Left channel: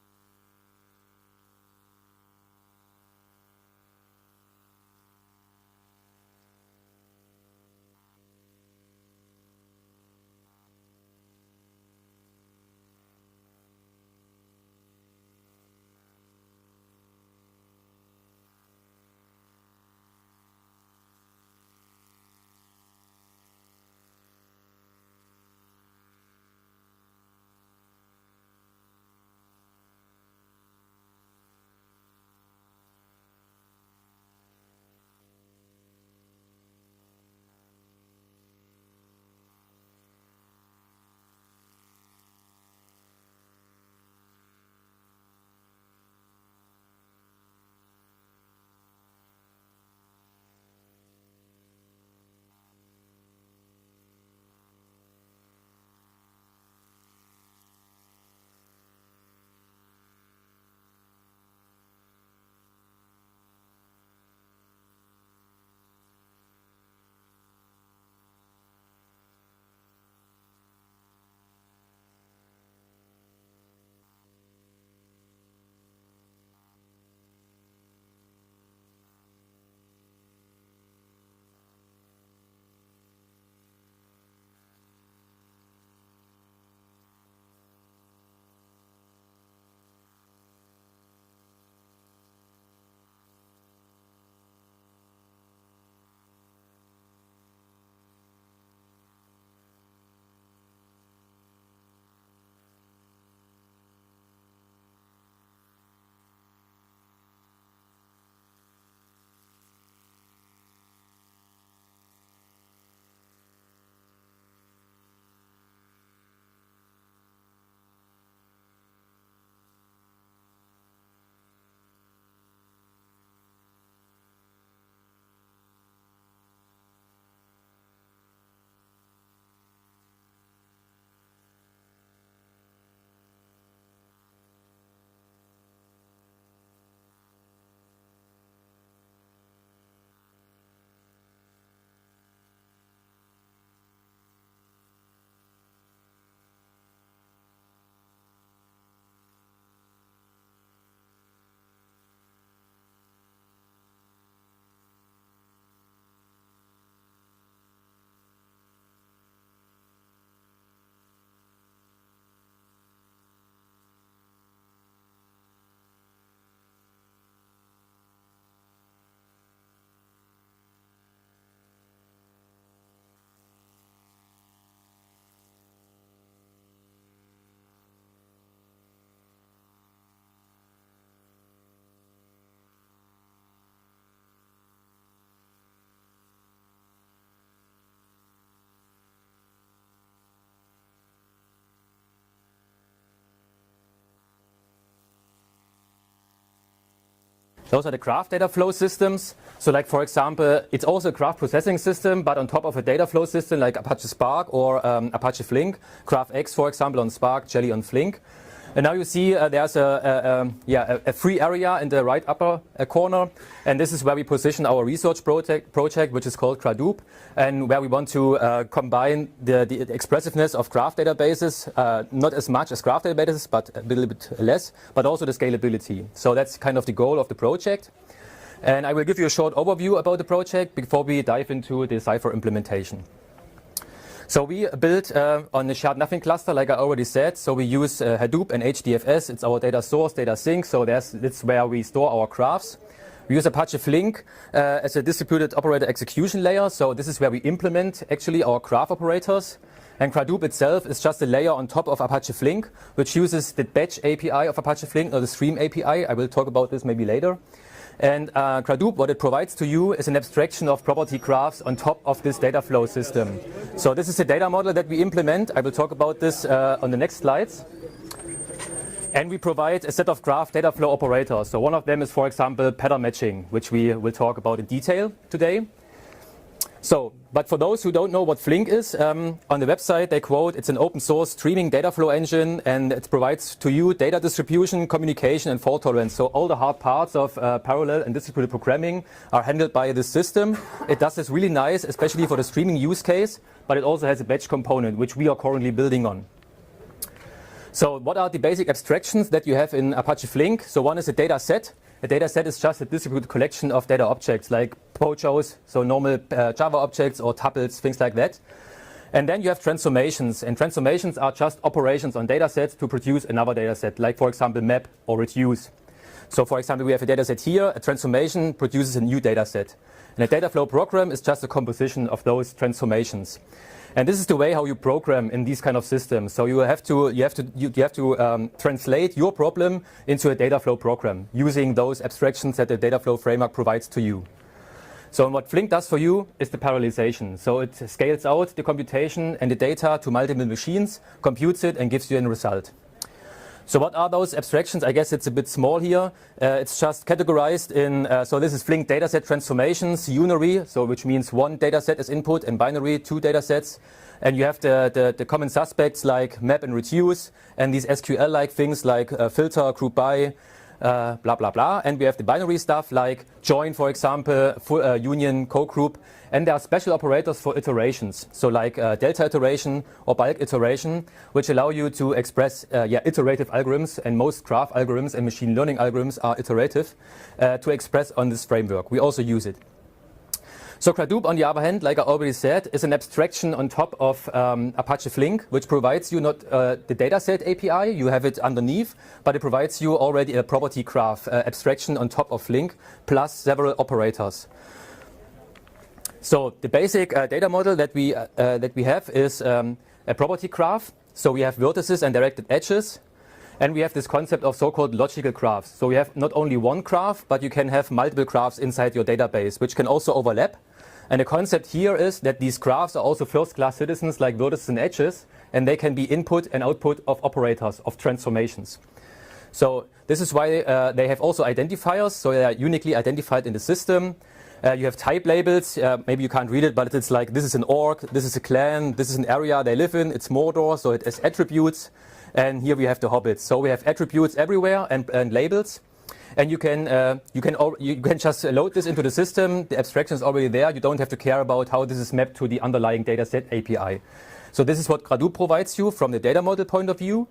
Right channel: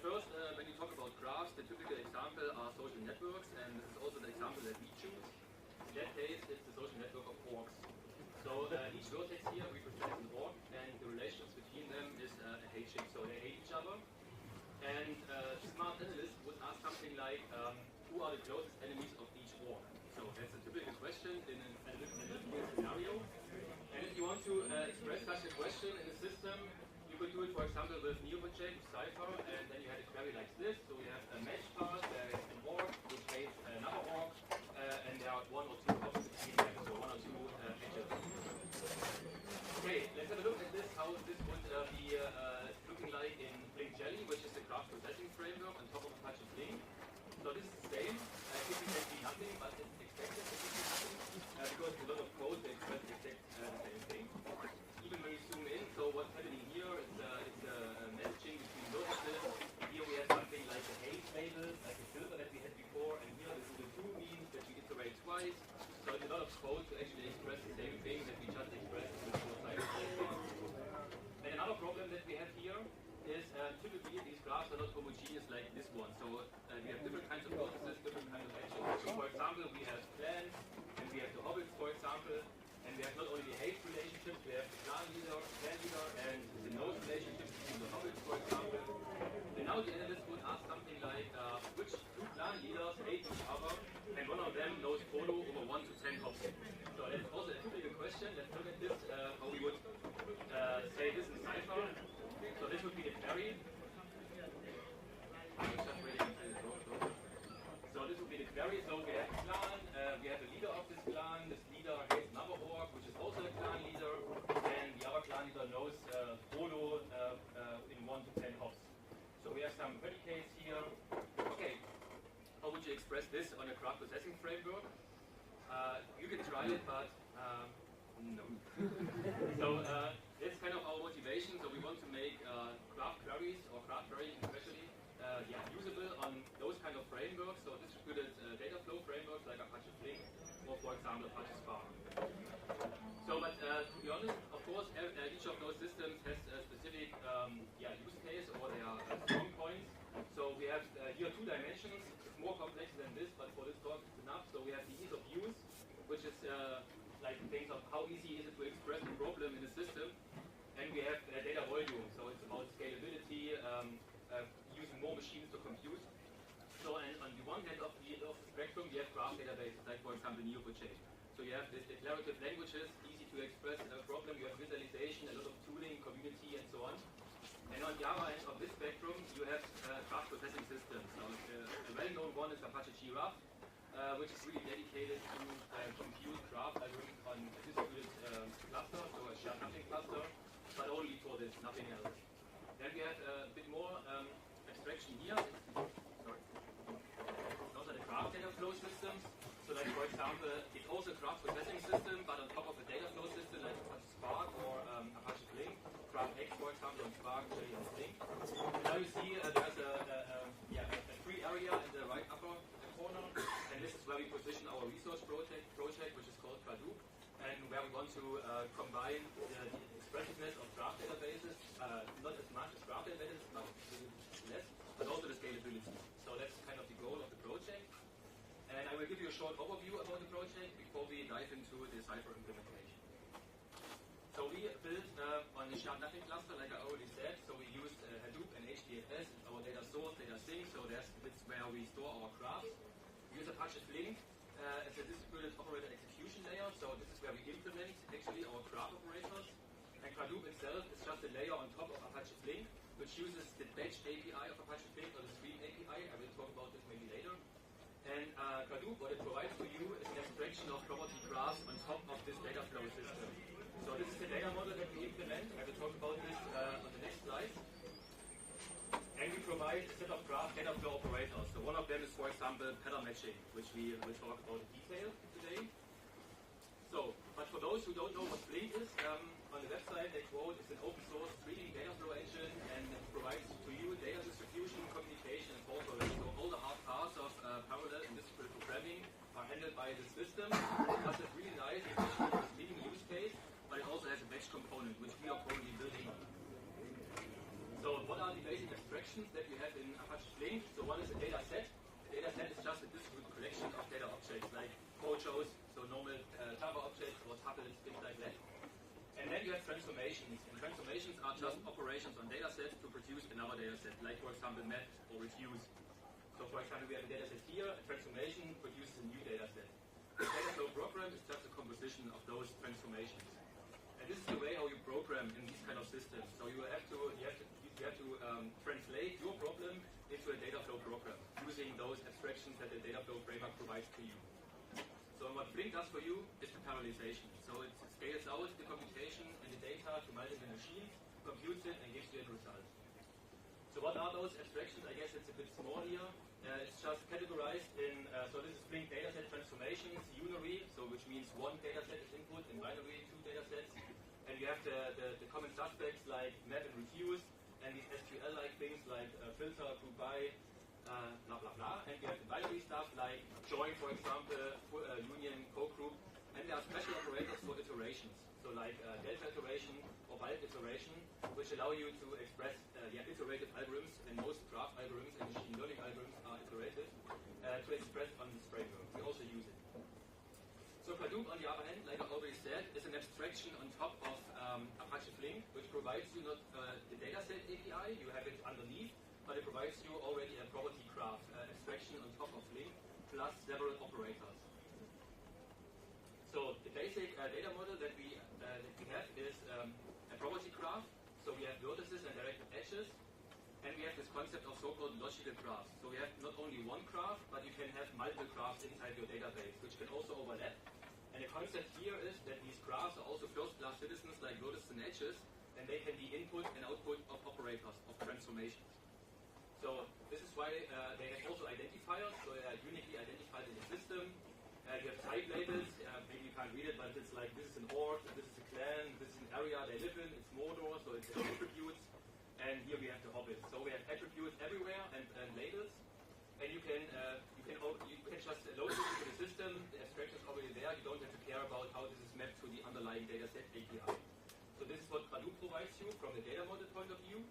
first, when you talk about graphs, the typical example are social networks, and this is also the example that we choose. In that case, it's the social network of orgs. So each vertex here represents an org, and the relations between them is a hatching, so they hate each other. And smart analysts would ask something like, who are the closest enemies of each org? So that's a typical question in an analytical scenario. And if you want to express such a question in a system, you could do it, for example, with ApacheFlink, with Cypher, and then you had a query like this. So we have a match path, there is an org, which hates another org, and there are one or two hops between them, so one or two edges. Okay, let's have a look at this, how this would be looking like in Flink Jelly, which is the graph processing framework on top of Apache Flink. So this is the same. It can be nothing, but it's expected to be nothing, because a lot of code they express the exact same thing. Even when you zoom in, so what's happening here is messaging between vertices. Here we have something like a hate label, like a filter that we had before, and here this is the true means that we iterate twice. So it's a lot of code to actually express the same thing that we just expressed with the side of the same thing. And another problem that we have here is typically these graphs are not homogeneous like this one. So we have different kinds of vertices, different kinds of actions. So for example, we have clans, and we have the hobbits, for example, and we have not only the hate relationships, we have the clan leader, and the node relationship between the hobbits, for example. And now the analyst would ask something like, which two clan leaders hate each other, and one of them knows follow over 1 to 10 hops. So that's also a typical question. Let's look at this, how we would say this in Cypher. So this would be the query. So this would be the query. So we have a clan, we have a leader of this clan. This leader hates another org, which is also a clan leader, and the other clan leader knows follow in 1 to 10 hops. So we have some predicates here. Okay, how would you express this on a graph processing framework? You can try it, but no. So that's kind of our motivation. So we want to make graph queries, or graph querying especially, usable on those kind of frameworks. So distributed data flow frameworks like Apache Flink, or for example Apache Spark. So, but to be honest, of course, each of those systems has a specific use case, or their strong points. So we have here 2 dimensions. It's more complex than this, but for this talk it's enough. So we have the ease of use, which is like things of how easy is it to express a problem in a system, and we have data volume. So it's about scalability, using more machines to compute. So and on the one hand of the spectrum, we have graph databases, like for example Apache. So you have the declarative languages, easy to express a problem. You have visualization, a lot of tooling, community, and so on. And on the other end of this spectrum, you have graph processing systems. So a well-known one is Apache Giraffe, which is really dedicated to compute graph algorithms on a distributed cluster, so a shared nothing cluster, but only for this, nothing else. Then we have a bit more abstraction here. Those are the graph data flow systems. So like, for example, it's also a graph processing system, but on top of a data flow system like Apache Spark or Apache Flink, GraphX, for example, on Spark, Jelly on Flink. And now you see there's a free area in the right upper corner, and this is where we position our research project, which is called Gradoop, and where we want to combine the expressiveness of graph databases, not as much as graph databases, but a little bit less, but also the scalability. So that's kind of the goal of the project. And I will give you a short overview about the project before we dive into the Cypher implementation. So we built on the shared nothing cluster, like I already said. So we use Hadoop and HDFS. It's our data source, data sink. So that's where we store our graphs. We use Apache Flink as a distributed operator execution layer. So this is where we implement actually our graph operators. And Gradoop itself is just a layer on top of Apache Flink, which uses the batch API of Apache Flink, or the stream API. I will talk about this maybe later. And Gradoop, what it provides to you is an abstraction of property graphs on top of this data flow system. So this is a data model that we implement. I will talk about this on the next slides. And we provide a set of graph data flow operators. So one of them is, for example, pattern matching, which we will talk about in detail today. So, but for those who don't know what Flink is, on the website they quote, it's an open source streaming data flow engine, and it provides to you data distribution, communication, and fault tolerance. So all the hard parts of parallel and distributed programming are handled by this system. It does this really nice, especially for the streaming use case, but it also has a batch component, which we are currently building on. So what are the basic abstractions that you have in Apache Flink? So one is a data set. A data set is just a distributed collection of data objects like POJOs, so normal Java objects or tuples, things like that. And then you have transformations, and transformations are just operations on data sets to produce another data set, like for example map or reduce. So for example, we have a data set here, a transformation produces a new data set. And a data flow program is just a composition of those transformations. And this is the way how you program in these kind of systems. So you have to translate your problem into a data flow program using those abstractions that the data flow framework provides to you. So what Flink does for you is the parallelization. So it scales out the computation and the data to multiple machines, computes it, and gives you a result. So what are those abstractions? I guess it's a bit small here. It's just categorized in, so this is Flink dataset transformations, unary, so which means one dataset as input, and binary, two datasets. And you have the common suspects like map and reduce, and these SQL-like things like filter, group by, blah, blah, blah. And we have the binary stuff like join, for example, union, co-group. And there are special operators for iterations, so like delta iteration or bulk iteration, which allow you to express iterative algorithms, and most graph algorithms and machine learning algorithms are iterative, to express on this framework. We also use it. So Gradoop, on the other hand, like I already said, is an abstraction on top of Apache Flink, which provides you not the dataset API, you have it underneath, but it provides you already a property graph abstraction on top of Flink, plus several operators. So the basic data model that we have is a property graph. So we have vertices and directed edges, and we have this concept of so-called logical graphs. So we have not only one graph, but you can have multiple graphs inside your database, which can also overlap. And the concept here is that these graphs are also first-class citizens like vertices and edges, and they can be input and output of operators, of transformations. So this is why they have also identifiers, so they are uniquely identified in the system. You have type labels, maybe you can't read it, but it's like this is an org, this is a clan, this is an area they live in, it's Mordor, so it has attributes. And here we have the hobbits. So we have attributes everywhere and labels. And you can just load this into the system. The abstraction is already there. You don't have to care about how this is mapped to the underlying dataset API. So this is what Gradoop provides you from the data model point of view.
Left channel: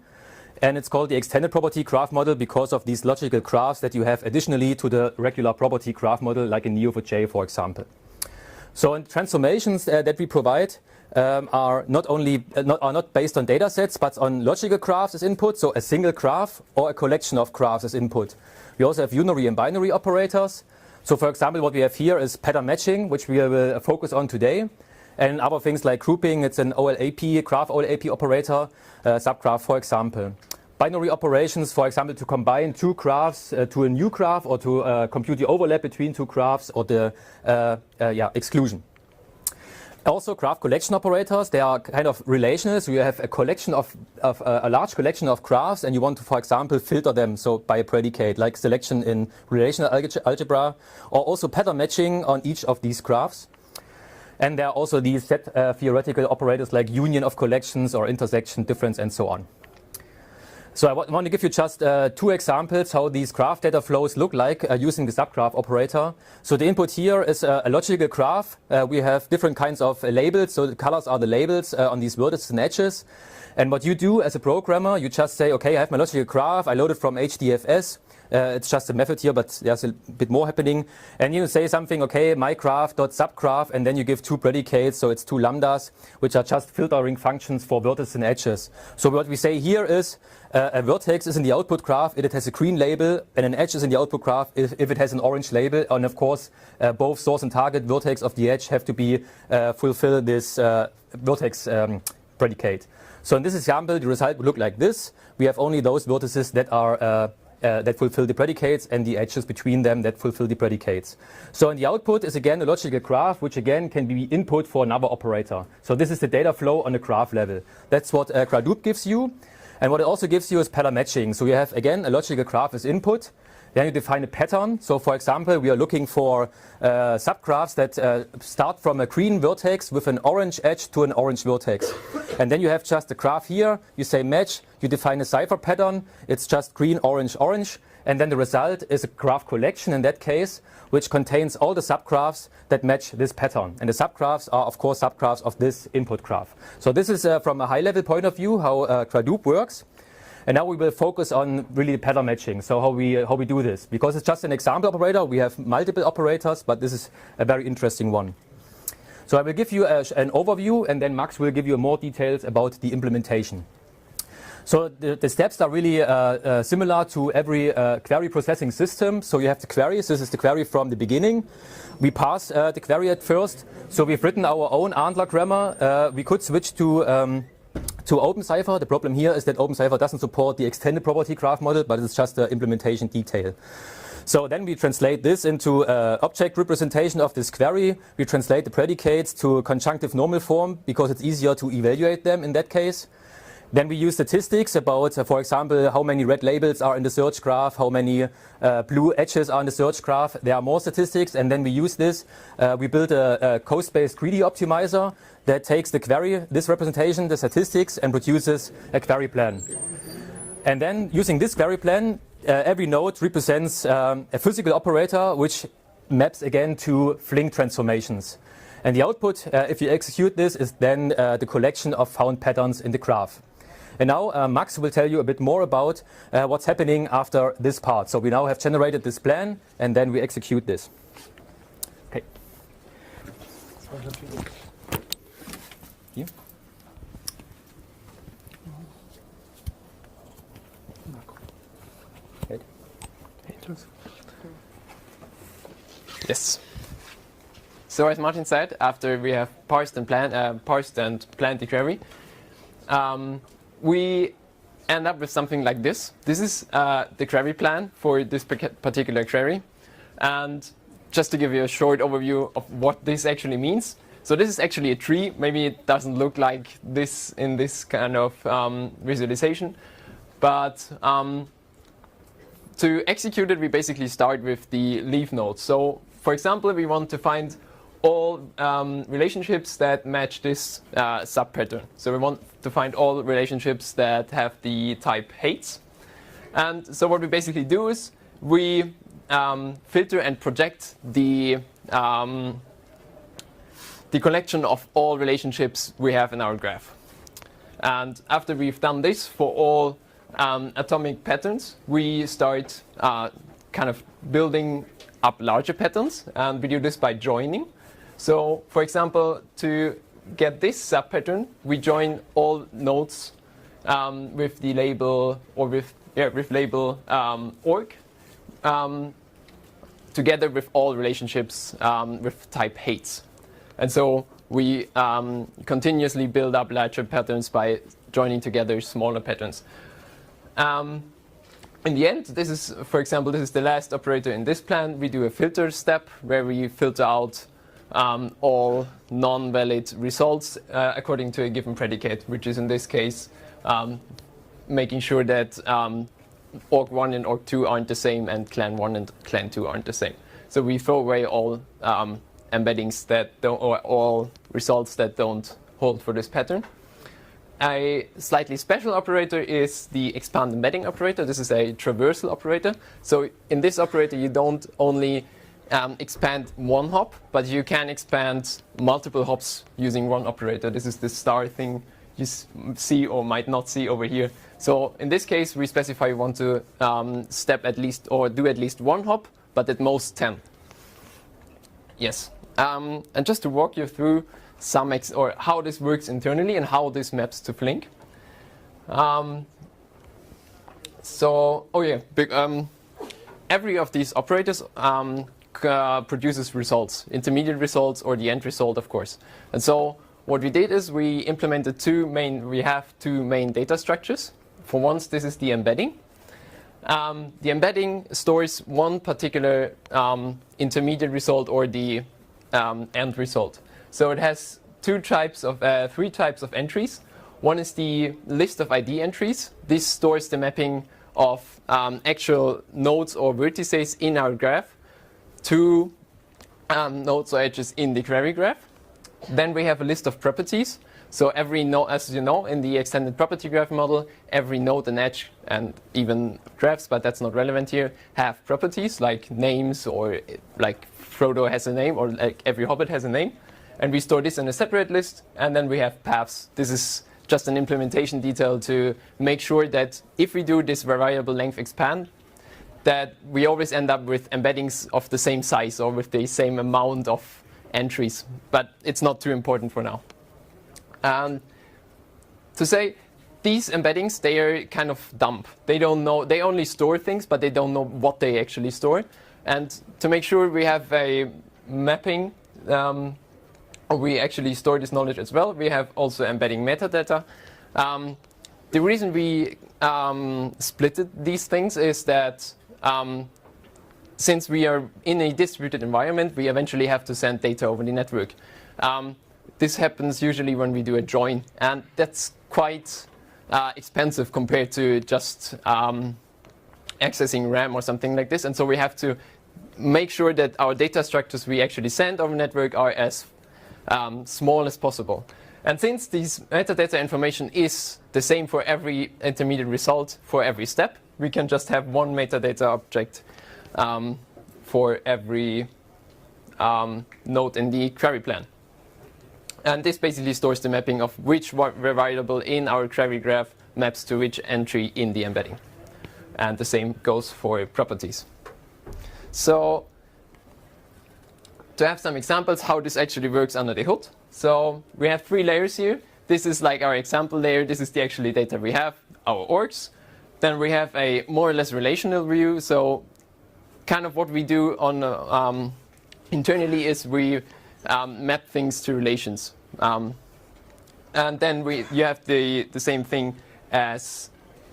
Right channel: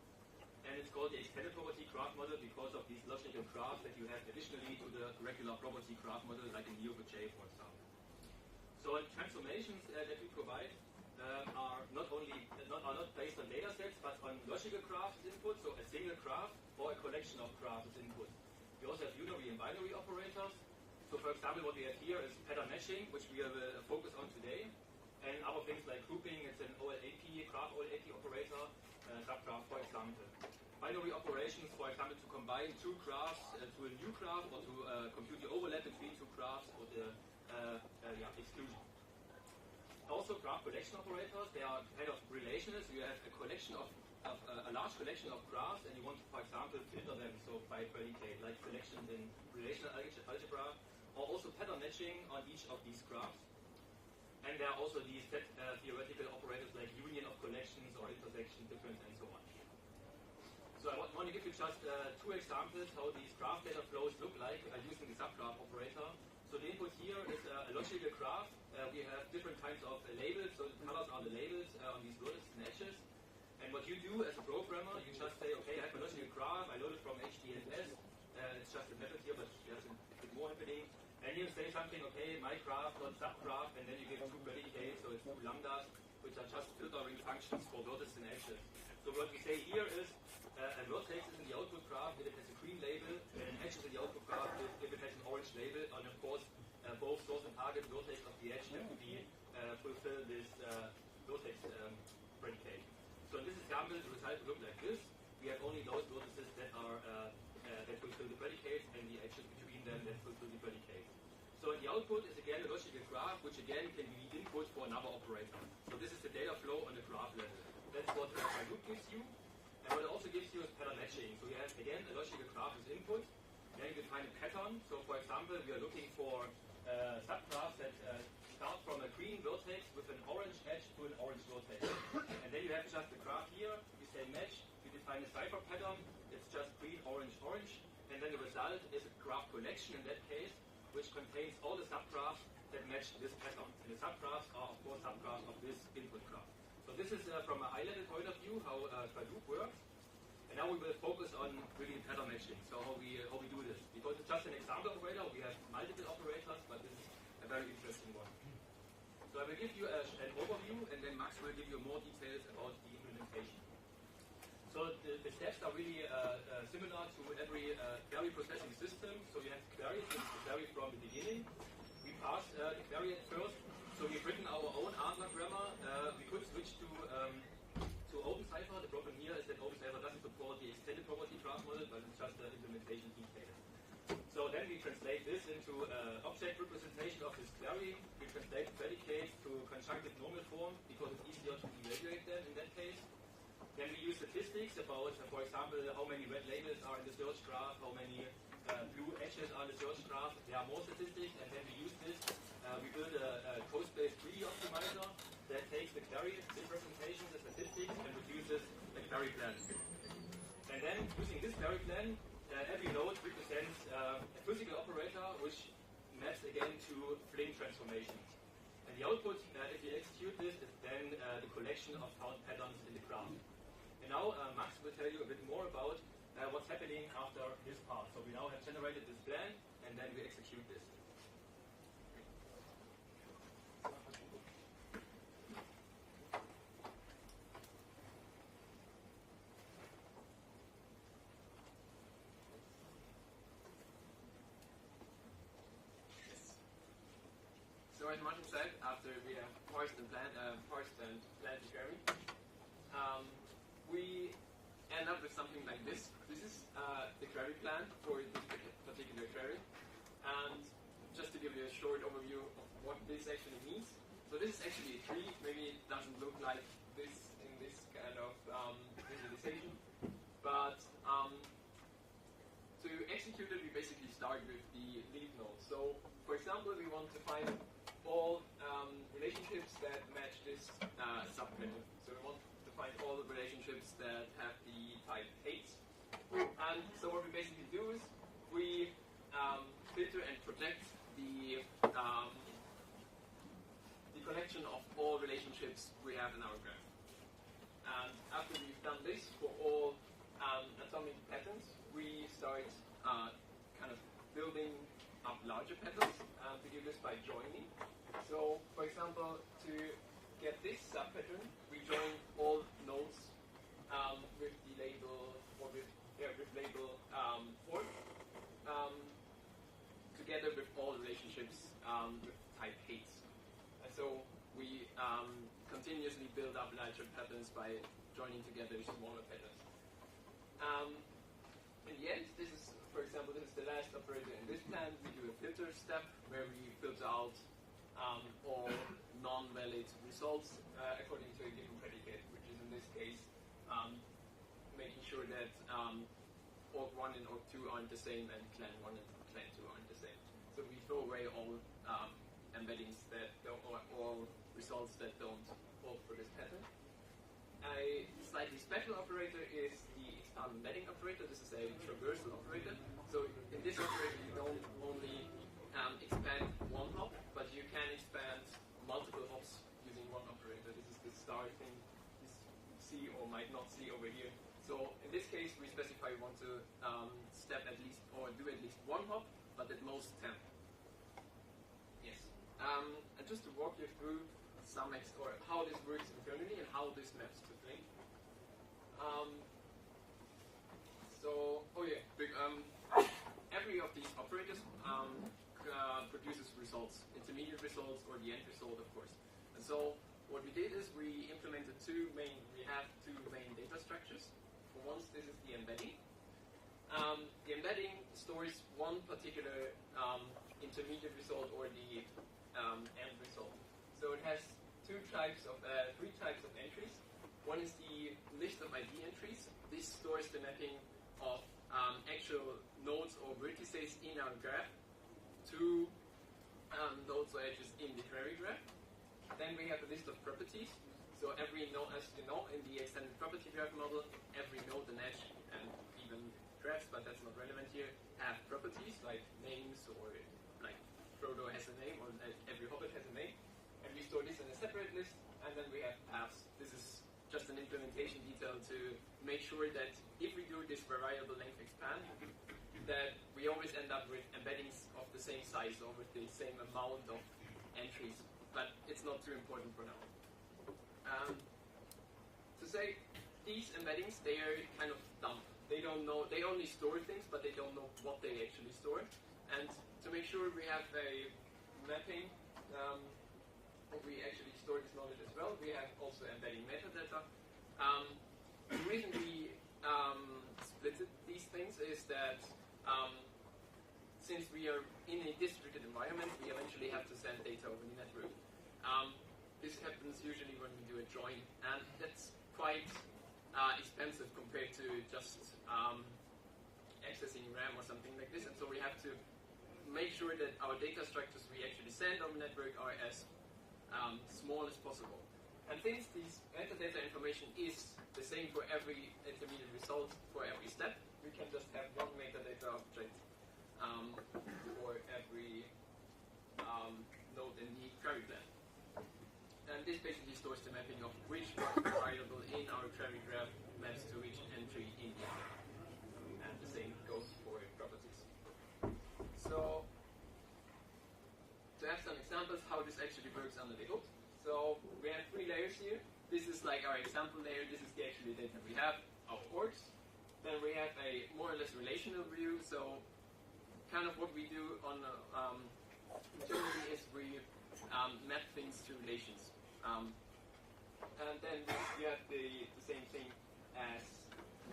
And it's called the extended property graph model because of these logical graphs that you have additionally to the regular property graph model, like in Neo4j, for example. So in transformations that we provide are not based on data sets, but on logical graphs as input, so a single graph or a collection of graphs as input. We also have unary and binary operators. So for example, what we have here is pattern matching, which we will focus on today. And other things like grouping, it's an OLAP, graph OLAP operator, subgraph, for example. Binary operations, for example, to combine two graphs to a new graph, or to compute the overlap between two graphs, or the exclusion. Also, graph collection operators, they are kind of relational. So you have a collection of a large collection of graphs, and you want to, for example, filter them, so by a predicate, like selection in relational algebra, or also pattern matching on each of these graphs. And there are also these set theoretical operators like union of collections or intersection, difference, and so on. So I want to give you just two examples how these graph data flows look like using the subgraph operator. So the input here is a logical graph. We have different kinds of labels. So the colors are the labels on these vertices and edges. And what you do as a programmer, you just say, okay, I have my logical graph. I load it from HDFS. It's just a method here, but there's a bit more happening. And you say something, okay, my graph.subgraph, and then you give two predicates, so it's two lambdas, which are just filtering functions for vertices and edges. So what we say here is a vertex is in the output graph if it has a green label, and an edge is in the output graph if it has an orange label. And of course, both source and target vertex of the edge have to be fulfill this vertex predicate. So in this example, the result would look like this. We have only those vertices that are that fulfill the predicates, and the edges between them that fulfill the predicates. So in the output is again a logical graph, which again can be input for another operator. So this is the data flow on the graph level. That's what Gradoop gives you. And what it also gives you is pattern matching. So you have again a logical graph as input. Then you define a pattern. So for example, we are looking for subgraphs that start from a green vertex with an orange edge to an orange vertex. And then you have just a graph here. You say match. You define a Cypher pattern. It's just green, orange, orange. And then the result is a graph collection in that case, which contains all the subgraphs that match this pattern. And the subgraphs are, of course, subgraphs of this input graph. So this is from a high-level point of view how Gradoop works. And now we will focus on really pattern matching, so how we do this. Because it's just an example operator, we have multiple operators, but this is a very interesting one. So I will give you an overview, and then Max will give you more details about the implementation. So the steps are really similar to every query processing system. So you have the queries. This is the query from the beginning. We pass the query at first. So we've written our own ANTLR grammar. We could switch to ofCypher. The problem here is that ofCypher doesn't support the extended property graph model, but it's just an implementation detail. So then we translate this into object representation of this query. We translate the predicates to conjunctive normal form because it's easier to evaluate them in that case. Then we use statistics about, for example, how many red labels are in the search graph, how many blue edges are in the search graph. There are more statistics, and then we use this. We build a coast-based greedy optimizer that takes the query, this representation, the statistics, and produces a query plan. And then using this query plan, every node represents a physical operator which maps again to Flink transformations. And the output, if you execute this, is then the collection of found patterns in the graph. And now Max will tell you a bit more about what's happening after this part. So we now have generated this plan, and then we execute this. Okay. Here. Yes. So as Martin said, after we have parsed and planned the query, we end up with something like this. This is the query plan for this particular query. And just to give you a short overview of what this actually means. So this is actually a tree. Maybe it doesn't look like this in this kind of visualization. But to execute it, we basically start with the leaf node. So for example, we want to find all relationships that match this sub-pattern. So we want to find all relationships that have the type heights. And so what we basically do is we filter and project the collection of all relationships we have in our graph. And after we've done this for all atomic patterns, we start kind of building up larger patterns, and we do this by joining. So, for example, to get this sub-pattern, we join all nodes with the label or with label org together with all relationships with type heights. And so we continuously build up larger patterns by joining together smaller patterns. In the end, this is, for example, this is the last operator in this plan. We do a filter step where we filter out all non-valid results according to a given predicate, which is in this case making sure that org1 and org2 aren't the same and clan1 and clan2 aren't the same. So we throw away all embeddings that don't, or all results that don't hold for this pattern. A slightly special operator is the expand embedding operator. This is a traversal operator. So in this operator, you don't only expand one hop, but you can expand multiple hops using one operator. This is the star thing you see or might not see over here. So in this case, we specify we want to step at least or do at least one hop, but at most 10. Yes. And just to walk you through some or how this works internally and how this maps to Flink. Every of these operators produces results, intermediate results or the end result, of course. And so what we did is we implemented we have two main data structures. For once, this is the embedding. The embedding stores one particular intermediate result or the end result. So it has three types of entries. One is the list of ID entries. This stores the mapping of actual nodes or vertices in our graph to nodes or edges in the query graph. Then we have a list of properties. So every node, as you know, in the extended property graph model, every node and edge, and even graphs, but that's not relevant here, have properties like names, or like Frodo has a name, or like every hobbit has a name. And we store this in a separate list. And then we have paths. This is just an implementation detail to make sure that if we do this variable length expand, that we always end up with embeddings of the same size or with the same amount of entries. But it's not too important for now. To say, these embeddings, they are kind of dumb. They don't know, they only store things, but they don't know what they actually store. And to make sure we have a mapping, or we actually store this knowledge as well, we have also embedding metadata. The reason we splitted these things is that since we are in a distributed environment, we eventually have to send data over the network. This happens usually when we do a join, and that's quite expensive compared to just accessing RAM or something like this. And so we have to make sure that our data structures we actually send over network are as small as possible. And since this metadata information is the same for every intermediate result for every step, we can just have one metadata object for every node in the query plan. And this basically stores the mapping of which variable in our query graph maps to which entry in the embedding. And the same goes for properties. So to have some examples how this actually works under the hood. So we have 3 layers here. This is like our example layer. This is the actually data we have, our orgs. Then we have a more or less relational view. So kind of what we do on internally is we map things to relations. And then you have the same thing as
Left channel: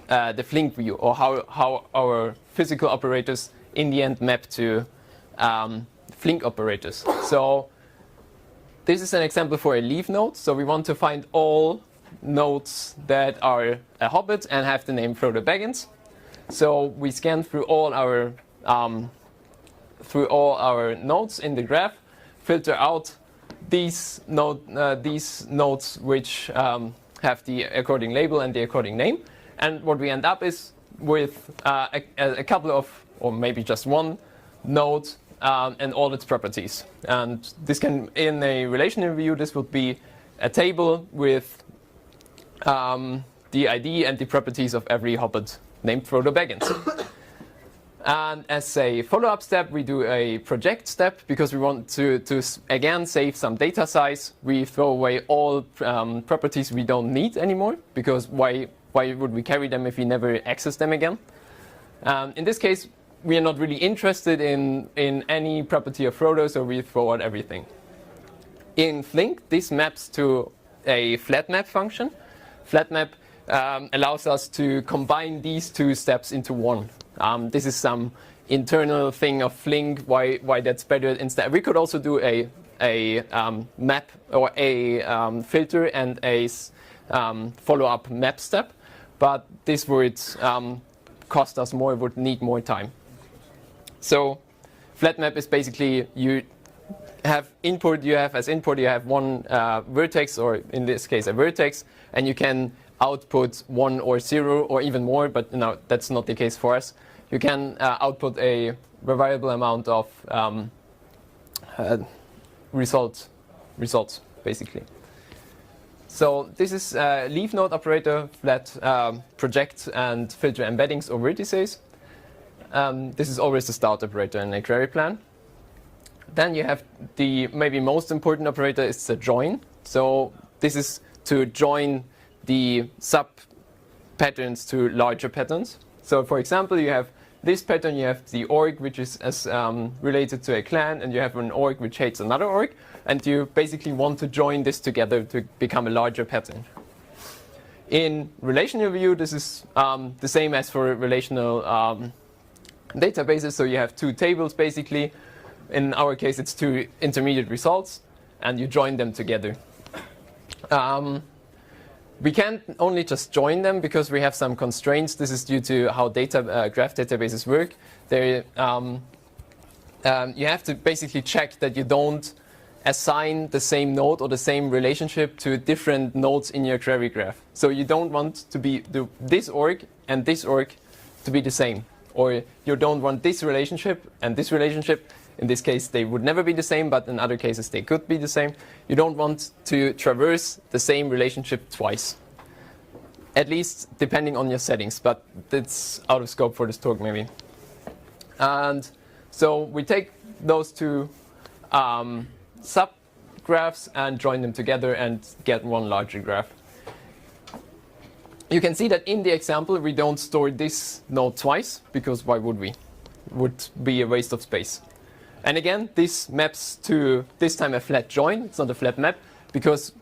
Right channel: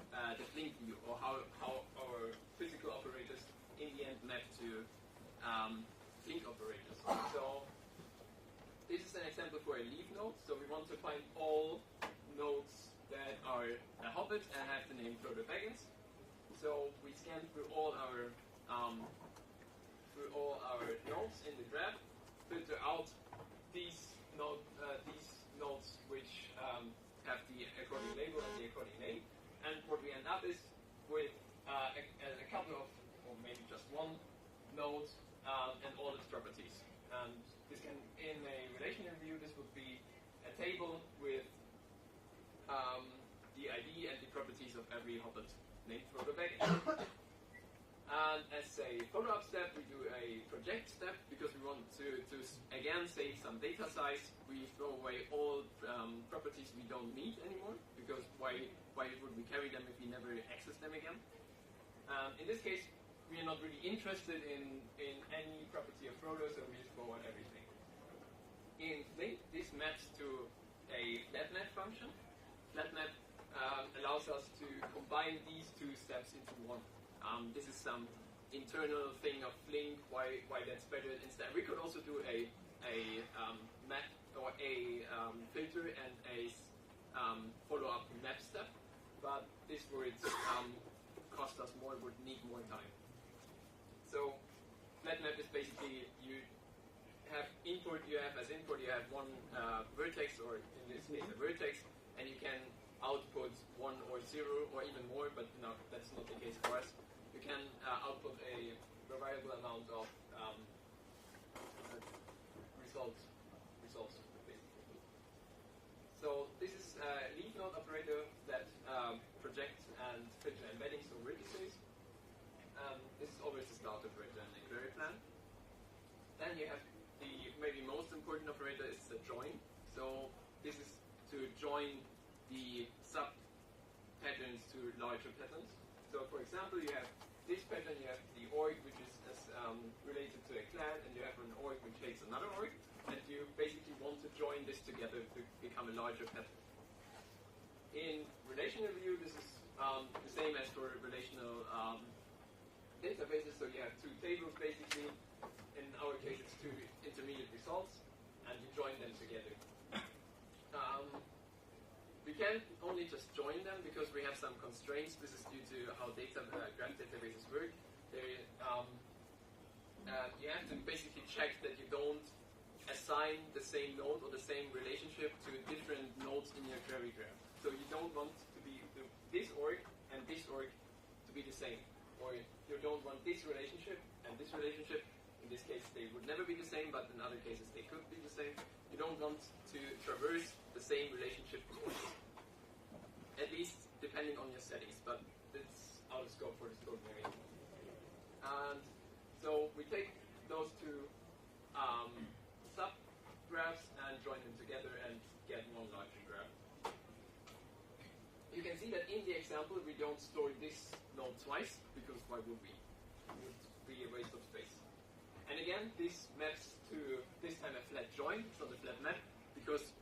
the Flink view, or how our physical operators in the end map to Flink operators. So this is an example for a leaf node. So we want to find all nodes that are a hobbit and have the name Frodo Baggins. So we scan through all our nodes in the graph, filter out these nodes which have the according label and the according name. And what we end up is with a couple of, or maybe just one node and all its properties. And this can, in a relational view, this would be a table with the ID and the properties of every hobbit named Frodo Baggins. And as a follow-up step, we do a project step because we want to again save some data size. We throw away all properties we don't need anymore, because why would we carry them if we never access them again? In this case, we are not really interested in any property of Frodo, so we throw out everything. In Flink, this maps to a flat map function. Flat map allows us to combine these 2 steps into one. This is some internal thing of Flink, why that's better. Instead, we could also do a map or a filter and a follow-up map step, but this would cost us more, would need more time. So flat map is basically you have as input you have one vertex, or in this case a vertex, and you can output 1 or 0 or even more, but no, that's not the case for us. You can output a variable amount of results, basically. So this is a leaf node operator that projects and filter embeddings or vertices. This is always the start operator in a query plan. Then you have the maybe most important operator is the join. So this is to join the sub patterns to larger patterns. So for example, you have this pattern, you have the org, which is as related to a clan, and you have an org which hates another org, and you basically want to join this together to become a larger pattern. In relational view, this is the same as for relational databases. So you have 2 tables basically. In our case, it's 2 intermediate results, and you join them together. We can't only just join them because we have some constraints. This is due to how graph databases work. You have to basically check that you don't assign the same node or the same relationship to different nodes in your query graph. So you don't want to be this org and this org to be the same. Or you don't want this relationship and this relationship. In this case, they would never be the same, but in other cases, they could be the same. You don't want to traverse the same relationship twice. at least depending on your settings, but it's out of scope for this talk maybe. And so we take those two subgraphs and join them together and get one larger graph. You can see that in the example we don't store this node twice, because why would we? Would be a waste of space. And again, this maps to this time a flat join. It's not a flat map, because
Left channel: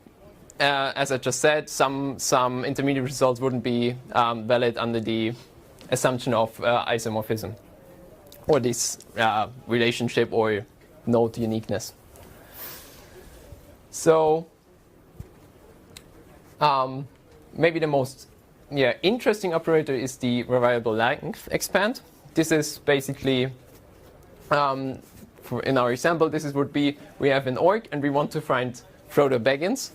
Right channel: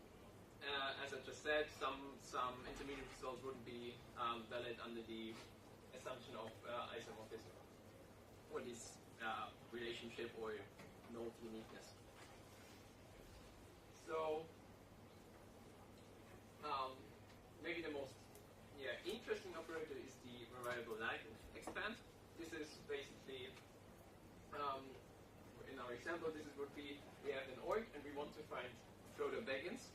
as I just said, some intermediate results wouldn't be valid under the assumption of isomorphism, or this relationship or node uniqueness. So maybe the most interesting operator is the variable length expand. This is basically, in our example, would be we have an org and we want to find Frodo Baggins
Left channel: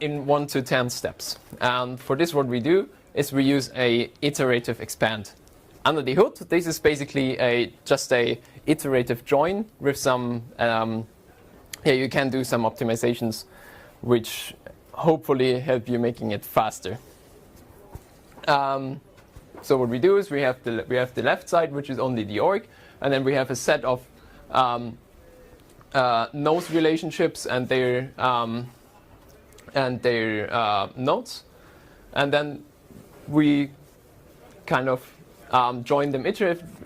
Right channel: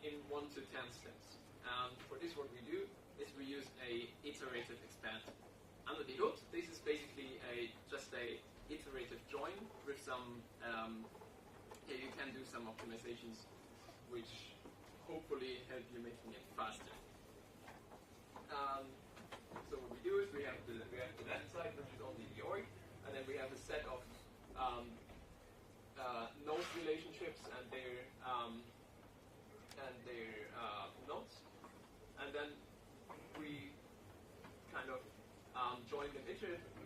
in 1 to 10 steps. And for this, what we do is we use a iterative expand. Under the hood, this is basically just a iterative join with some. You can do some optimizations, which hopefully help you making it faster. So what we do is we have the left side, which is only the org, and then we have a set of node relationships and their nodes, and then we kind of join them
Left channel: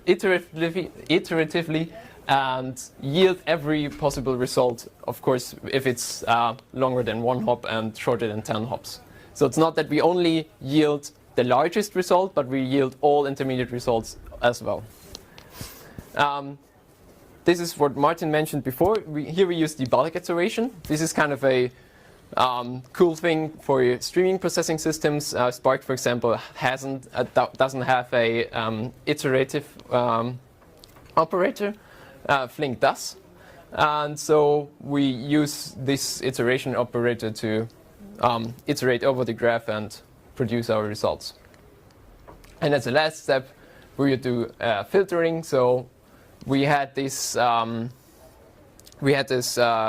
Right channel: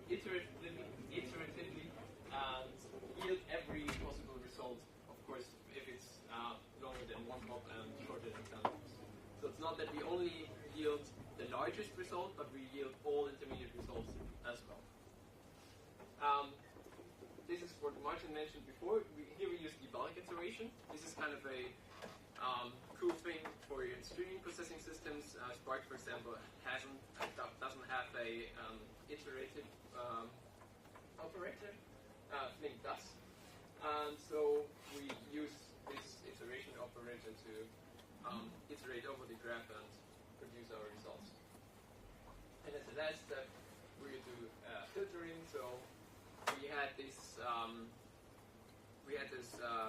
iteratively and yield every possible result, of course, if it's longer than 1 hop and shorter than 10 hops. So it's not that we only yield the largest result, but we yield all intermediate results as well. This is what Martin mentioned before. Here we use the bulk iteration. This is kind of a cool thing for streaming processing systems. Spark, for example, doesn't have a iterative operator. Flink does. And so we use this iteration operator to iterate over the graph and produce our results. And as a last step, we would do filtering. So we had this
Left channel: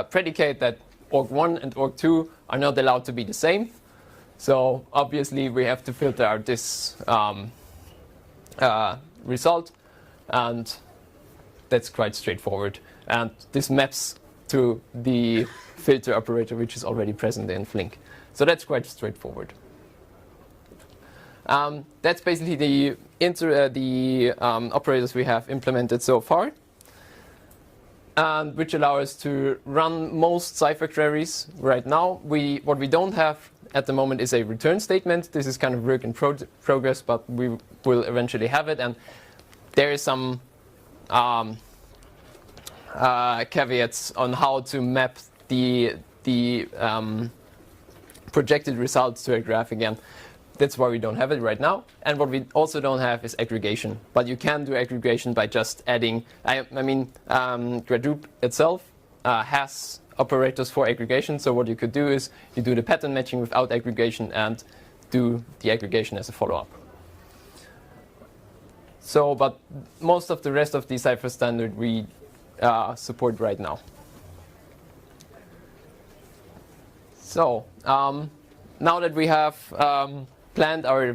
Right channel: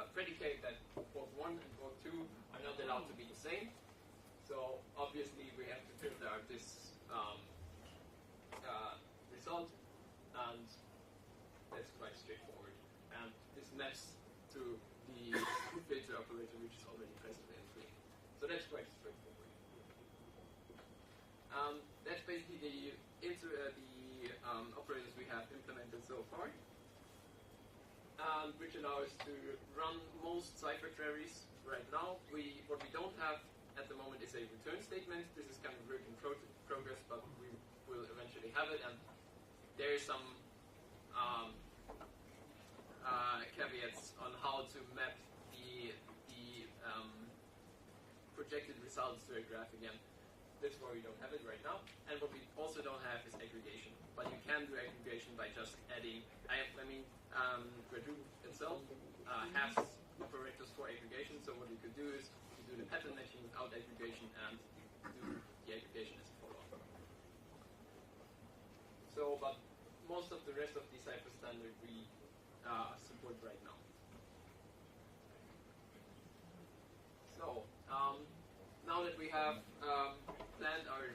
predicate that org1 and org2 are not allowed to be the same. So obviously we have to filter out this result, and that's quite straightforward. And this maps to the filter operator, which is already present in Flink. So that's quite straightforward. That's basically the operators we have implemented so far, and which allow us to run most Cypher queries right now. What we don't have at the moment is a return statement. This is kind of work in progress, but we will eventually have it. And there is some caveats on how to map the projected results to a graph again. That's why we don't have it right now. And what we also don't have is aggregation. But you can do aggregation by just adding. Gradoop itself has operators for aggregation. So what you could do is you do the pattern matching without aggregation and do the aggregation as a follow-up. So, but most of the rest of the Cypher standard we support right now. So now that we have planned our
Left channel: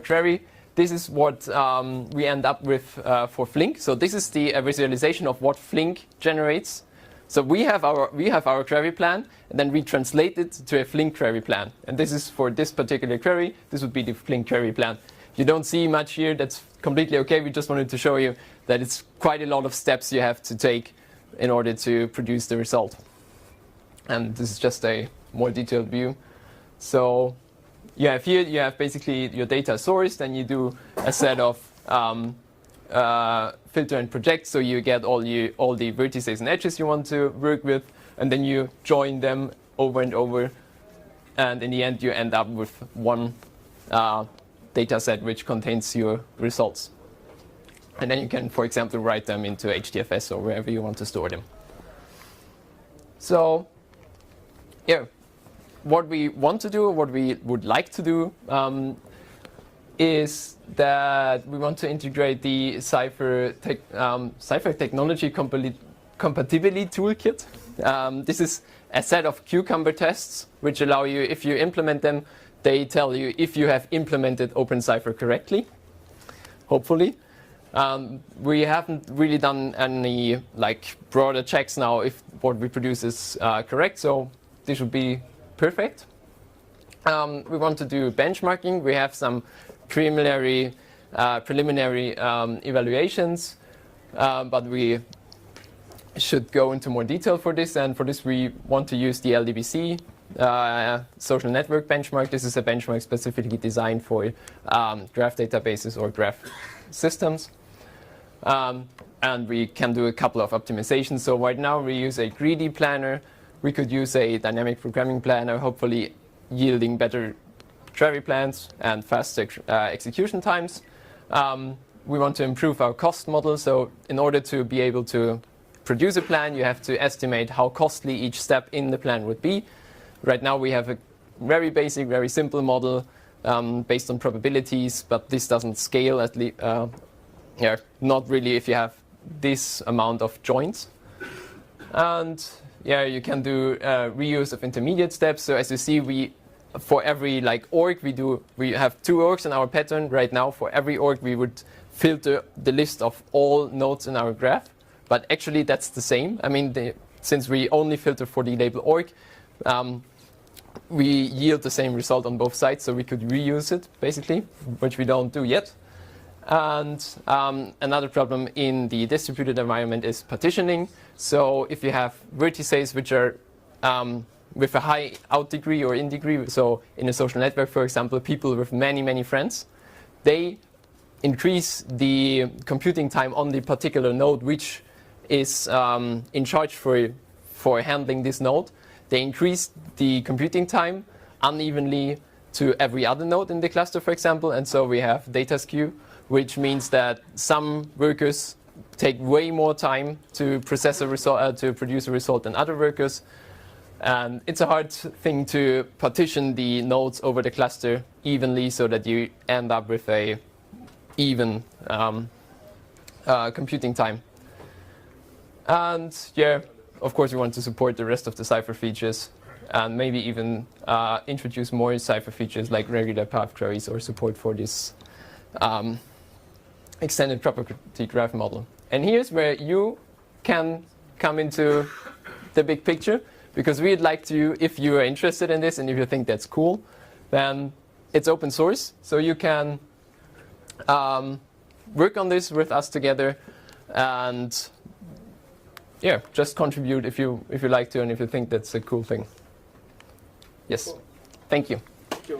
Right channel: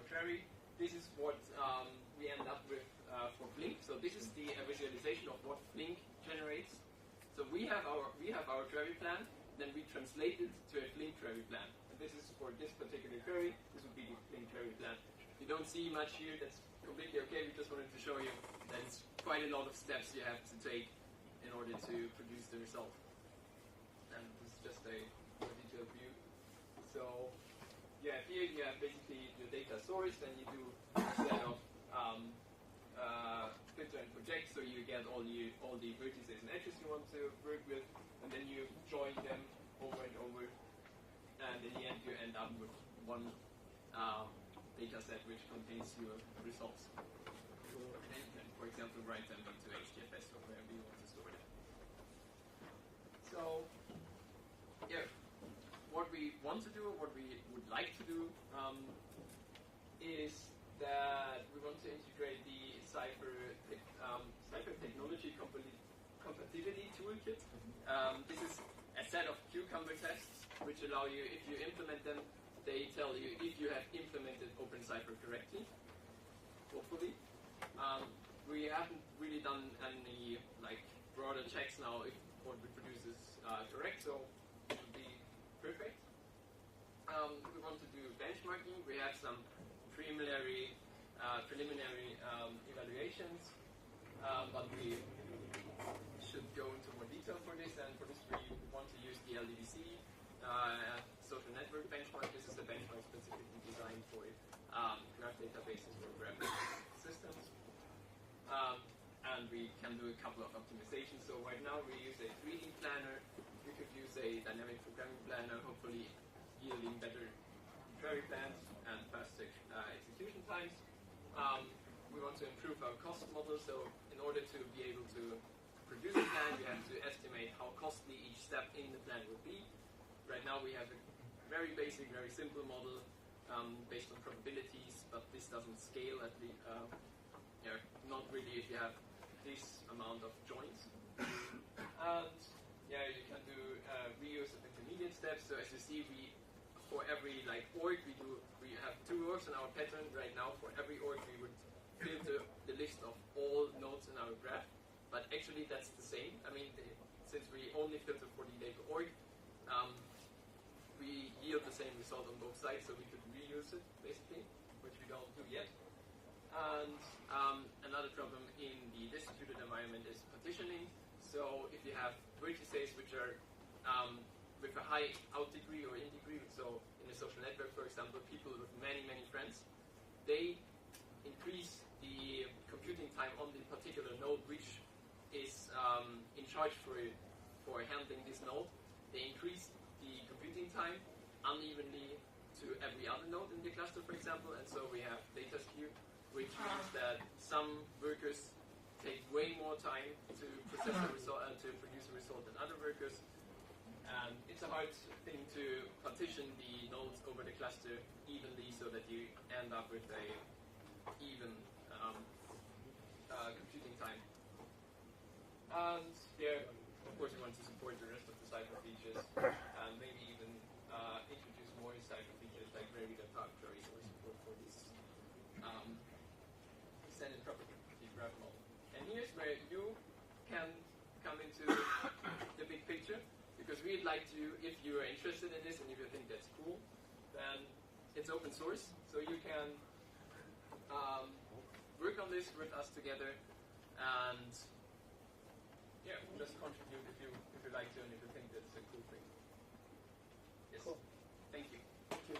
query, this is what we end up with for Flink. So this is the visualization of what Flink generates. So we have our query plan, and then we translate it to a Flink query plan. And this is for this particular query. This would be the Flink query plan. You don't see much here. That's completely okay. We just wanted to show you that it's quite a lot of steps you have to take in order to produce the result. And this is just a more detailed view. So here you have basically your data source, then you do a set of filter and project, so you get all the vertices and edges you want to work with, and then you join them over and over, and in the end you end up with one data set which contains your results. And then you can, for example, write them into HDFS or wherever you want to store them. So yeah, what we want to do, what we would like to do, is that we want to integrate the Cypher technology compatibility toolkit. This is a set of cucumber tests which allow you, if you implement them, they tell you if you have implemented ofCypher correctly, hopefully. We haven't really done any like broader checks now if what we produce is correct, so this should be perfect. We want to do benchmarking. We have some preliminary evaluations, but we should go into more detail for this, and for this we want to use the LDBC social network benchmark. This is a benchmark specifically designed for graph databases or graph systems. And we can do a couple of optimizations. So right now we use a greedy planner. We could use a dynamic programming planner, hopefully yielding better query plans and faster execution times. We want to improve our cost model. So in order to be able to produce a plan, you have to estimate how costly each step in the plan would be. Right now we have a very basic, very simple model based on probabilities, but this doesn't scale at least. Yeah, not really if you have this amount of joins. And yeah, you can do reuse of intermediate steps. So as you see, for every like org we have 2 orgs in our pattern right now. For every org we would filter the list of all nodes in our graph, but actually that's the same. I mean, since we only filter for the label org, we yield the same result on both sides, so we could reuse it basically, which we don't do yet. And another problem in the distributed environment is partitioning. So if you have vertices which are with a high out degree or in degree, so in a social network, for example, people with many, many friends, they increase the computing time on the particular node which is in charge for handling this node. They increase the computing time unevenly to every other node in the cluster, for example, and so we have data skew, which means that some workers take way more time to process a result, to produce a result than other workers. And it's a hard thing to partition the nodes over the cluster evenly so that you end up with a even computing time. And yeah, of course, we want to support the rest of the Cypher features and maybe even introduce more Cypher features like regular path queries or support for this extended property graph model. And here's where you can come into the big picture, because we'd like to, if you are interested in this and if you think that's cool, then it's open source. So you can work on this with us together and yeah, just contribute if you like to and if you think that's a cool thing. Yes, cool. Thank you. Thank you.